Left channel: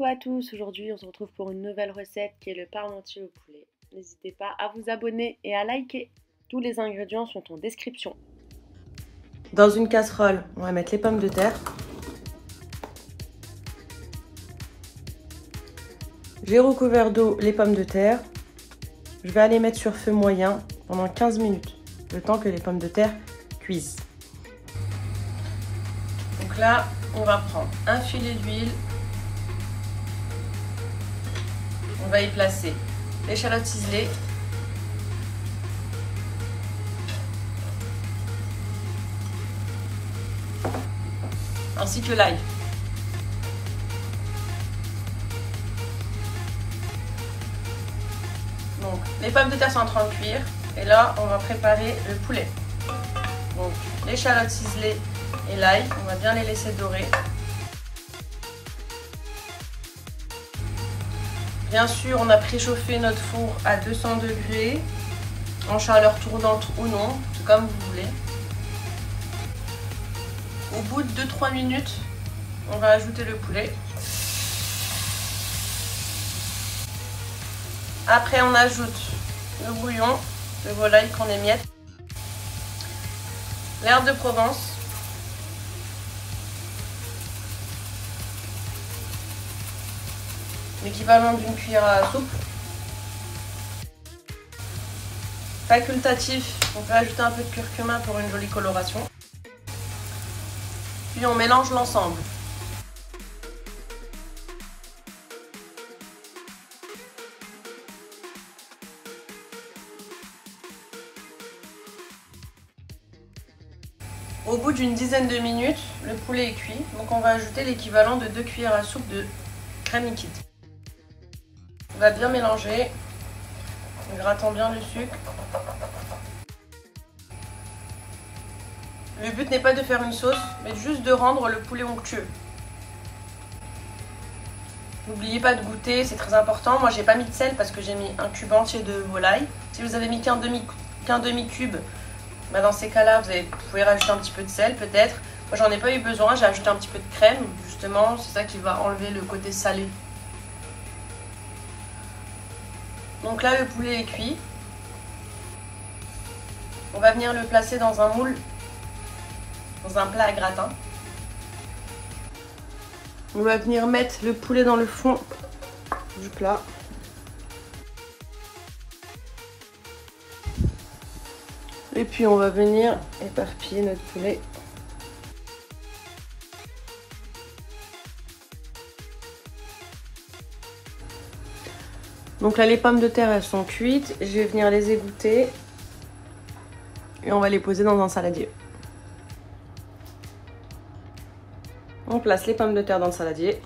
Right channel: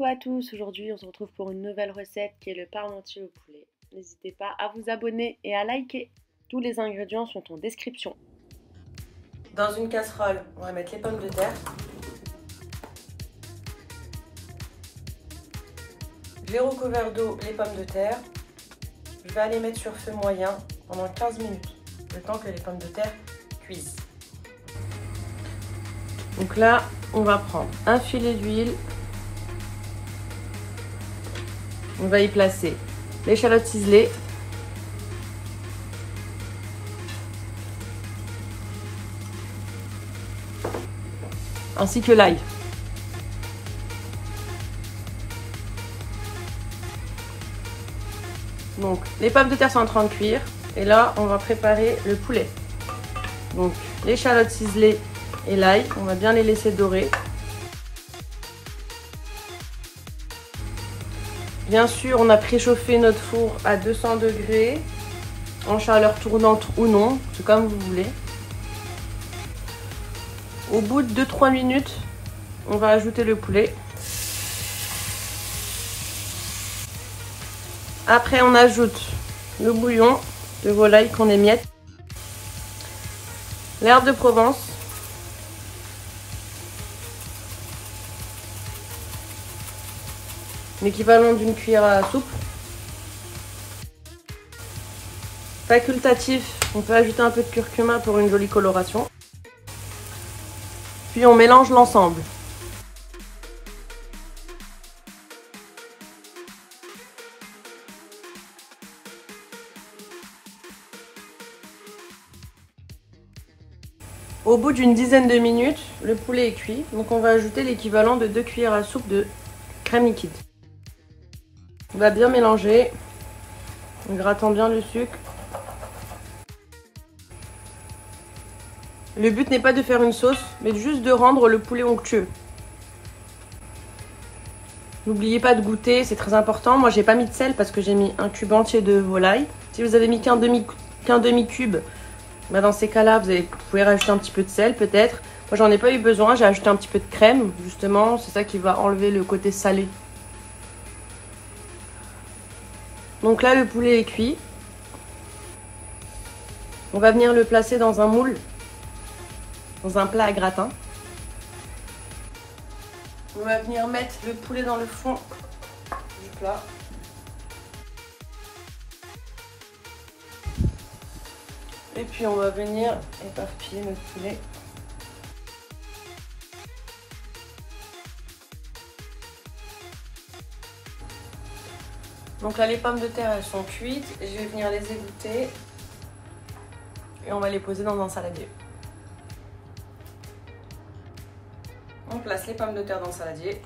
Coucou à tous, aujourd'hui on se retrouve pour une nouvelle recette qui est le parmentier au poulet. N'hésitez pas à vous abonner et à liker. Tous les ingrédients sont en description. Dans une casserole, on va mettre les pommes de terre. J'ai recouvert d'eau les pommes de terre. Je vais aller mettre sur feu moyen pendant 15 minutes, le temps que les pommes de terre cuisent. Donc là, on va prendre un filet d'huile. On va y placer l'échalote ciselée, ainsi que l'ail. Donc les pommes de terre sont en train de cuire et là on va préparer le poulet. Donc l'échalote ciselée et l'ail, on va bien les laisser dorer. Bien sûr, on a préchauffé notre four à 200 degrés, en chaleur tournante ou non, tout comme vous voulez. Au bout de 2-3 minutes, on va ajouter le poulet. Après, on ajoute le bouillon de volaille qu'on émiette, l'herbe de Provence, l'équivalent d'une cuillère à soupe. Facultatif, on peut ajouter un peu de curcuma pour une jolie coloration. Puis on mélange l'ensemble. Au bout d'une dizaine de minutes, le poulet est cuit, donc on va ajouter l'équivalent de 2 cuillères à soupe de crème liquide. On va bien mélanger en grattant bien le sucre. Le but n'est pas de faire une sauce, mais juste de rendre le poulet onctueux. N'oubliez pas de goûter, c'est très important. Moi, j'ai pas mis de sel parce que j'ai mis un cube entier de volaille. Si vous avez mis qu'un demi-cube, bah dans ces cas-là, vous pouvez rajouter un petit peu de sel peut-être. Moi, j'en ai pas eu besoin, j'ai ajouté un petit peu de crème, justement. C'est ça qui va enlever le côté salé. Donc là, le poulet est cuit. On va venir le placer dans un moule, dans un plat à gratin. On va venir mettre le poulet dans le fond du plat. Et puis on va venir éparpiller notre poulet. Donc là, les pommes de terre, elles sont cuites. Je vais venir les égoutter. Et on va les poser dans un saladier. On place les pommes de terre dans le saladier.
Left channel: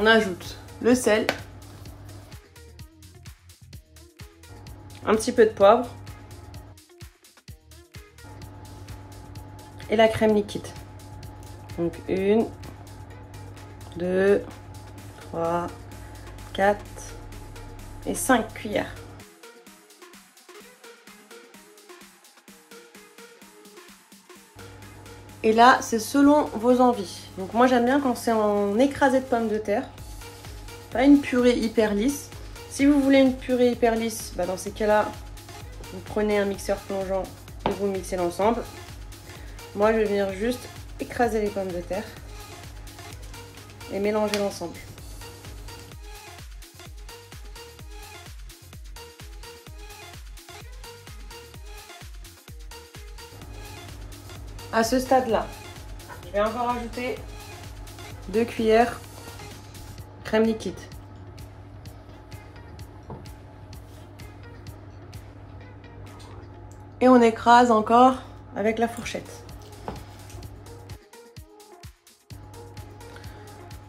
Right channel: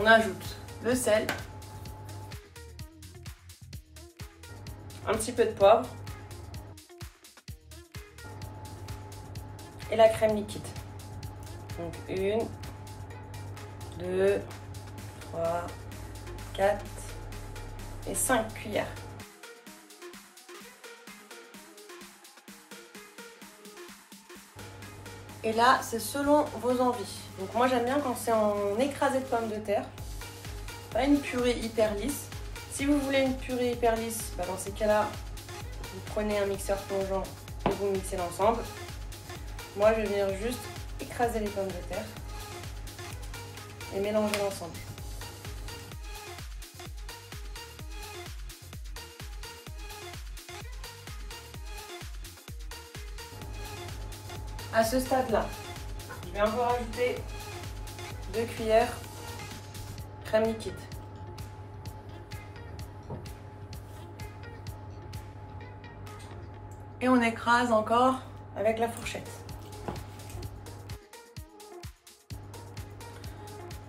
On ajoute le sel. Un petit peu de poivre. Et la crème liquide. Donc 1, 2, 3, 4 et 5 cuillères. Et là, c'est selon vos envies. Donc moi, j'aime bien quand c'est en écrasé de pommes de terre. Pas une purée hyper lisse. Si vous voulez une purée hyper lisse, bah dans ces cas-là, vous prenez un mixeur plongeant et vous mixez l'ensemble. Moi, je vais venir juste écraser les pommes de terre et mélanger l'ensemble. À ce stade-là, je vais encore ajouter 2 cuillères crème liquide. Et on écrase encore avec la fourchette.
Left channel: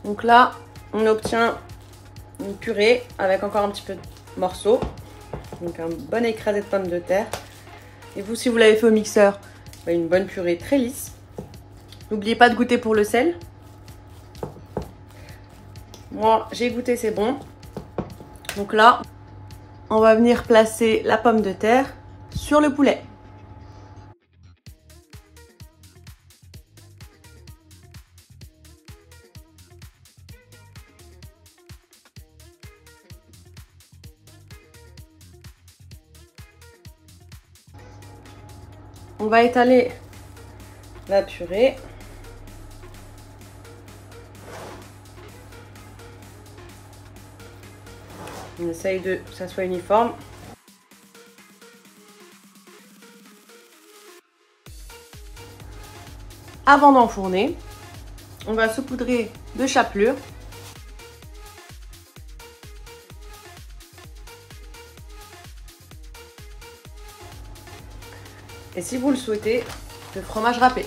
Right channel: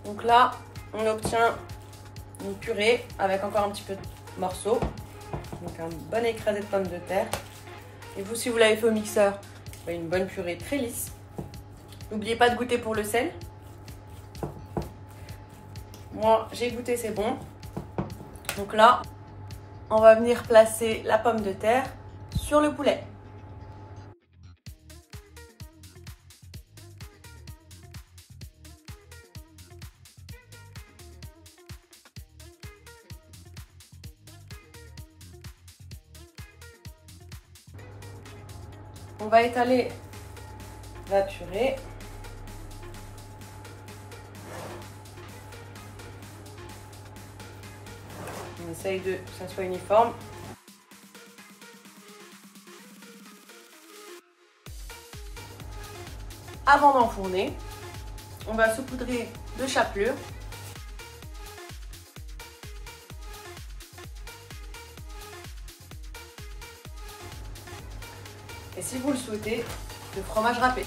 Donc là, on obtient une purée avec encore un petit peu de morceaux. Donc un bon écrasé de pommes de terre. Et vous, si vous l'avez fait au mixeur, une bonne purée très lisse. N'oubliez pas de goûter pour le sel. Moi, j'ai goûté, c'est bon. Donc là, on va venir placer la pomme de terre sur le poulet. On va étaler la purée. On essaye que ça soit uniforme. Avant d'enfourner, on va saupoudrer de chapelure. Et si vous le souhaitez, de fromage râpé.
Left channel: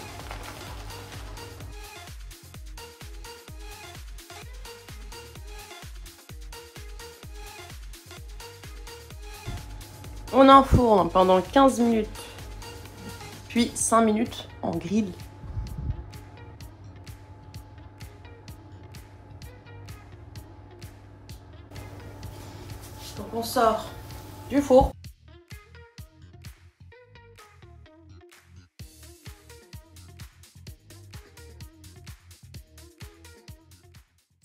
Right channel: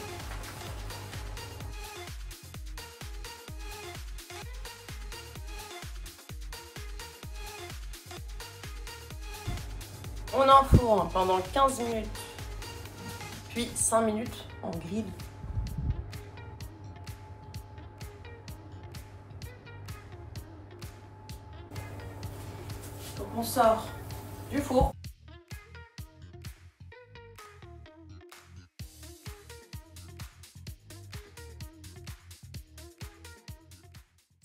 On enfourne pendant 15 minutes, puis 5 minutes en grill. Donc on sort du four.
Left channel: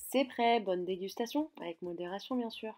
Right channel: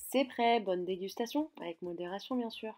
C'est prêt, bonne dégustation, avec modération bien sûr.